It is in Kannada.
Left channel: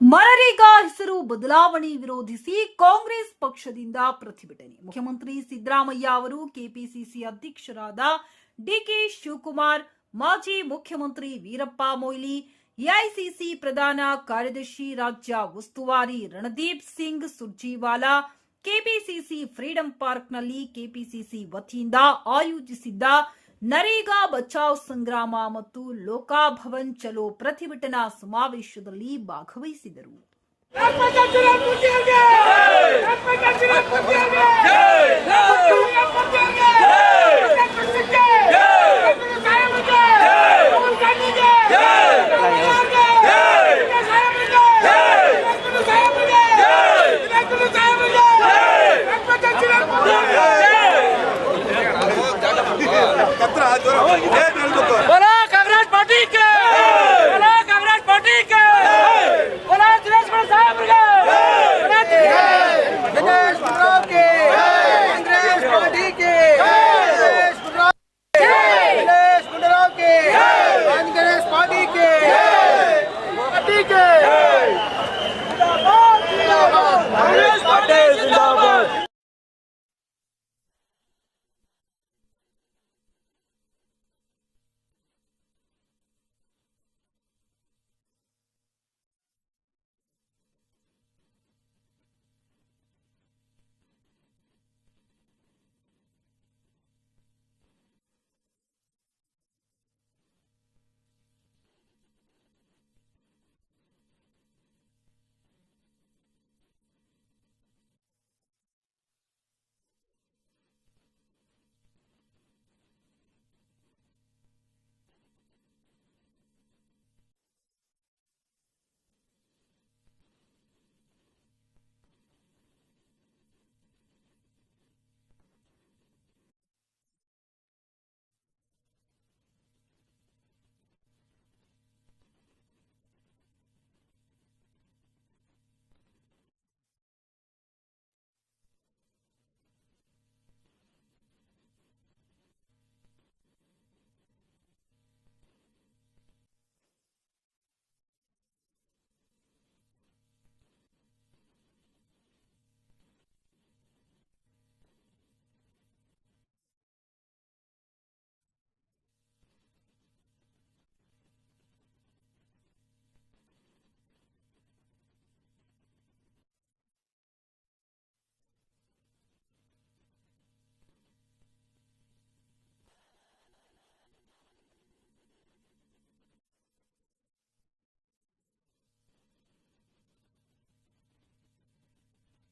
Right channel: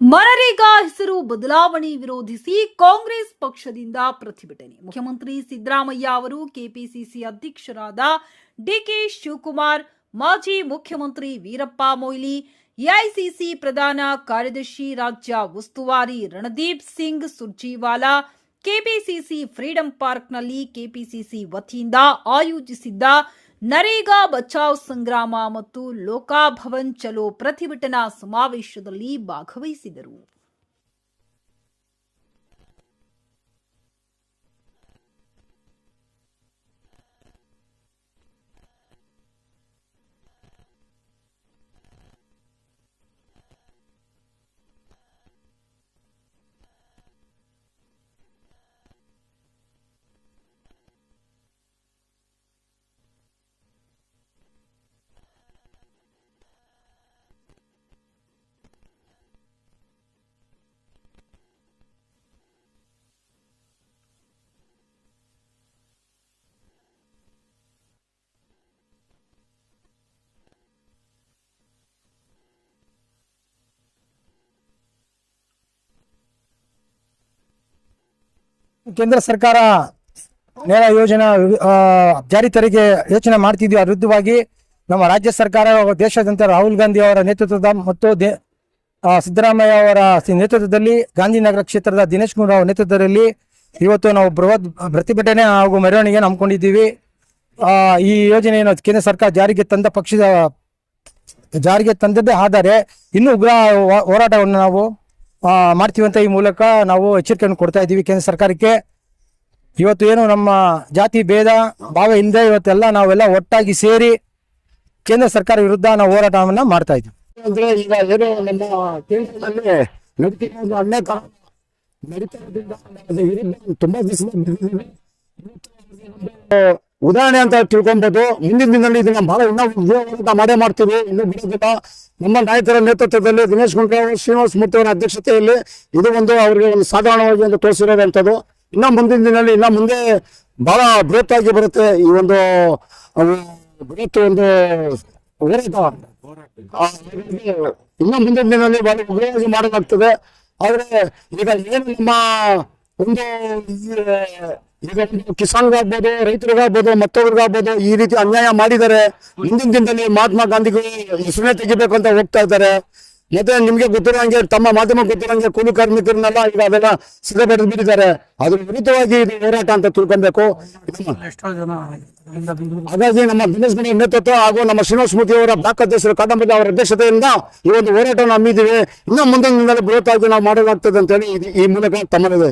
ಮನರೇಗಾ ಹೆಸರು ಬದಲಾವಣೆ ವಿರೋಧಿಸಿ ಕಾಂಗ್ರೆಸ್ ಪಕ್ಷದಿಂದ ಪ್ರತಿಭಟನೆ. ಮುಖ್ಯಮಂತ್ರಿ ಸಿದ್ದರಾಮಯ್ಯ ಅವರು ಕೆಪಿಸಿಸಿ ಅಧ್ಯಕ್ಷರಾದ ಡಿಕೆ ಶಿವಕುಮಾರ್, ಮಾಜಿ ಮುಖ್ಯಮಂತ್ರಿ ವೀರಪ್ಪ ಮೊಯ್ಲಿ, ಎಐಸಿಸಿ ಪ್ರಧಾನ ಕಾರ್ಯದರ್ಶಿ ರಾಜ್ಯ ಉಸ್ತುವಾರಿ ರಣದೀಪ್ ಸಿಂಗ್ ಸುರ್ಜೇವಾಲಾ ಕೆಪಿಸಿಸಿ ಫ್ರೀಡಂ ಪಾರ್ಕ್ನಲ್ಲಿ ಕೆಪಿಸಿಸಿ ವತಿಯಿಂದ ಆಯೋಜಿಸಿದ್ದ ನರೇಗಾ ಬಚಾವ್ ಸಂಗ್ರಾಮ ಮತ್ತು ಲೋಕಾಭವನ್ ಚಲೋ ಪ್ರತಿಭಟನಾ ಸಮಾವೇಶದಲ್ಲಿ ಭಾಗವಹಿಸಿದರು. बोला कांग्रेस पार्टी के, बोला कांग्रेस पार्टी के, बोला दिनेश साहब के, दिनेश के, कांग्रेस पार्टी के, दिनेश के, कांग्रेस पार्टी के, ಕೇಂದ್ರ ಸರ್ಕಾರ ನೇರ ಯೋಜನಾ ಜಾರಿ ತರಿಗೆ ಯೋಚನೆ ಮಾಡ್ತಿದ್ವಿ. ಅದರ ವಿರುದ್ಧವಾಗಿ ನಮ್ಮ ರಾಜ್ಯ ಸರ್ಕಾರ ದೇಶಾದ್ಯಂತ ರಾಹುಲ್ ಗಾಂಧಿ ಅವರ ನೇತೃತ್ವದ ಮತ್ತು ಸಿದ್ದರಾಮಯ್ಯ ಅವರ ನೇತೃತ್ವದಲ್ಲಿ ಗಾಂಧಿನಗರ ಕ್ಷೇತ್ರದ ದಿನೇಶ್ ಗುಂಡೂರಾವ್ ನೇತೃತ್ವದಲ್ಲಿ ಇವತ್ತು ನಾವು ಬೃಹತ್ ಪ್ರತಿಭಟನೆ ಹಾಗೂ ಮೆರವಣಿಗೆ ಹಮ್ಮಿಕೊಂಡಿದ್ದೀವಿ. ಈ ಯೋಜನೆಯನ್ನು ಕೇಂದ್ರ ಸರ್ಕಾರ ಜಾರಿಗೆ ತಂದದ್ದೇ ಆದರೆ ಇನ್ನೂ ಉಗ್ರ ಹೋರಾಟವನ್ನು ನಾವು ಮಾಡ್ತೀವಿ ಅಂತ ಈ ಮೂಲಕ ನಾವು ಎಚ್ಚರಿಕೆಯನ್ನು ಕೊಡ್ತಾ ಇದ್ದೀವಿ ಕೇಂದ್ರ ಸರ್ಕಾರಕ್ಕೆ. ಇವತ್ತು ಏನು ನಮ್ಮ ಜಾತಿ ಭೇದ ಭಾವ ಇಲ್ಲದೆ ಇವತ್ತೆಲ್ಲ ನಾವೆಲ್ಲ ಒಟ್ಟಾಗಿ ಸೇರಿ ಕೇಂದ್ರ ಸರ್ಕಾರ ವಿರುದ್ಧ ನಾವು ಹೋರಾಟವನ್ನ ಮಾಡ್ತಾ ಇದ್ದೀವಿ. ಅಂದ್ರೆ ಈಗ ಏನು ನಮ್ಮ ಕೇಂದ್ರದಲ್ಲಿ ನಡೀತಿರೋದು ಅನೇಕ ತುಂಬಾ ಉದಾಹರಣೆ ಅಂತ ತಿಳ್ಕೊಬಹುದು. ಮುಂದಿನ ದಿನದಲ್ಲಿ ಇದನ್ನ ಬಹಳ ಇನ್ನೂ ಮಾಡೇ ಮಾಡ್ತೀವಿ, ಇನ್ನೂ ಬಿಡೋದಿಲ್ಲ. ನಮ್ಮ ನಾಯಕರ ನೇತೃತ್ವದಲ್ಲಿ ದಿನೇಶ್ ಗುಂಡೂರಾವ್, ಶ್ರೀನಿವಾಸ ಮೂರ್ತಿ ಅವರ ಅಧ್ಯಕ್ಷತೆಯಲ್ಲಿ ಇದು ಒಂದು ಅವರಿಗೆ ಒಂದು ಸಾಧಾರಣವಾಗಿ ಒಂದು ತೋರಿಸಿರೋದಂಥದ್ದು. ಇನ್ನ ಮುಂದಿನ ದಿನದಲ್ಲಿ ಇನ್ನ ಮುಂದೆ ಬಹಳ ಬೃಹತ್ ಆಗಿ ಬರುತ್ತೆ ಈ ಒಂದು ಬೃಹತ್ ಒಂದು ಹೋರಾಟ. ಇನ್ನ ಮುಂದಿನ ದಿನದಲ್ಲಿ ಬಹಳ ಉಗ್ರವಾಗಿ ಮಾಡಲಾಗ್ತದೆ. ಆದ್ರೆ ಈಗ ಏನು ನಮ್ಮ ಒಂದು ಈಗ ಕಿಸಾನ್ಗಾಗ್ಬೋದು, ರೈತರಿಗಾಗ್ಬೋದು, ಮತ್ತೊಬ್ಬರಿಗಾಗ್ಬೋದು ಈ ರೀತಿ ಅನ್ಯಾಯ ಮಾಡಿದ್ದಾರೆ. ಮುಂದಿನ ದಿನದಲ್ಲಿ ಮಹಾತ್ಮ ಗಾಂಧಿಗಳು ಹೆಸರನ್ನೇ ತೆಗಿಬೇಕು ಅಂತ ಹೋಗ್ತಾ ಇದ್ದಾರೆ. ಮತ್ತೆ ನಿಮ್ಗೆ ಗೊತ್ತಿರೋಂಗೆ ತಮ್ಮ ಮಾಧ್ಯಮ ಗೊತ್ತಿರೋಂಗೆ ಕೂಲಿ ಕಾರ್ಮಿಕರನ್ನೆಲ್ಲ ಈಗ ಅದೆಲ್ಲ ಸಿದ್ಧಪಡಿಸಿ ಬಿಟ್ಟಿದ್ದಾರೆ. ಅದ್ರ ವಿರುದ್ಧವಾಗಿ ಇದು ಹೋರಾಟ ಅಂತ ತಿಳ್ಕೊಬೇಕು. ಹಾಗಾಗಿ ನಮ್ಮ ದಿನೇಶ್ ಗುಂಡೂರಾವ್ ನೇತೃತ್ವ ಹಾಗೂ ನಮ್ಮ ಶ್ರೀನಿವಾಸ ಮೂರ್ತಿ ಅವರ ಬ್ಲಾಕ್ ಅಧ್ಯಕ್ಷರು ಕಾದಂಬರಿ ಅವರ ಅಧ್ಯಕ್ಷತೆಯಿಂದ ಈ ಒಂದು ಹೋರಾಟವನ್ನು ಹಮ್ಮಿದ್ದೀವಿ. ಇನ್ನು ಮುಂದಿನ ದಿನದಲ್ಲಿ ಬೃಹತ್ತಾಗಿ ನಾವು ಮಾಡಲಾಗ್ತದೆ ಅಂತ ಹೇಳಿ ಈ ಮೂಲಕ ತಮ್ಮಲ್ಲಿದೆ.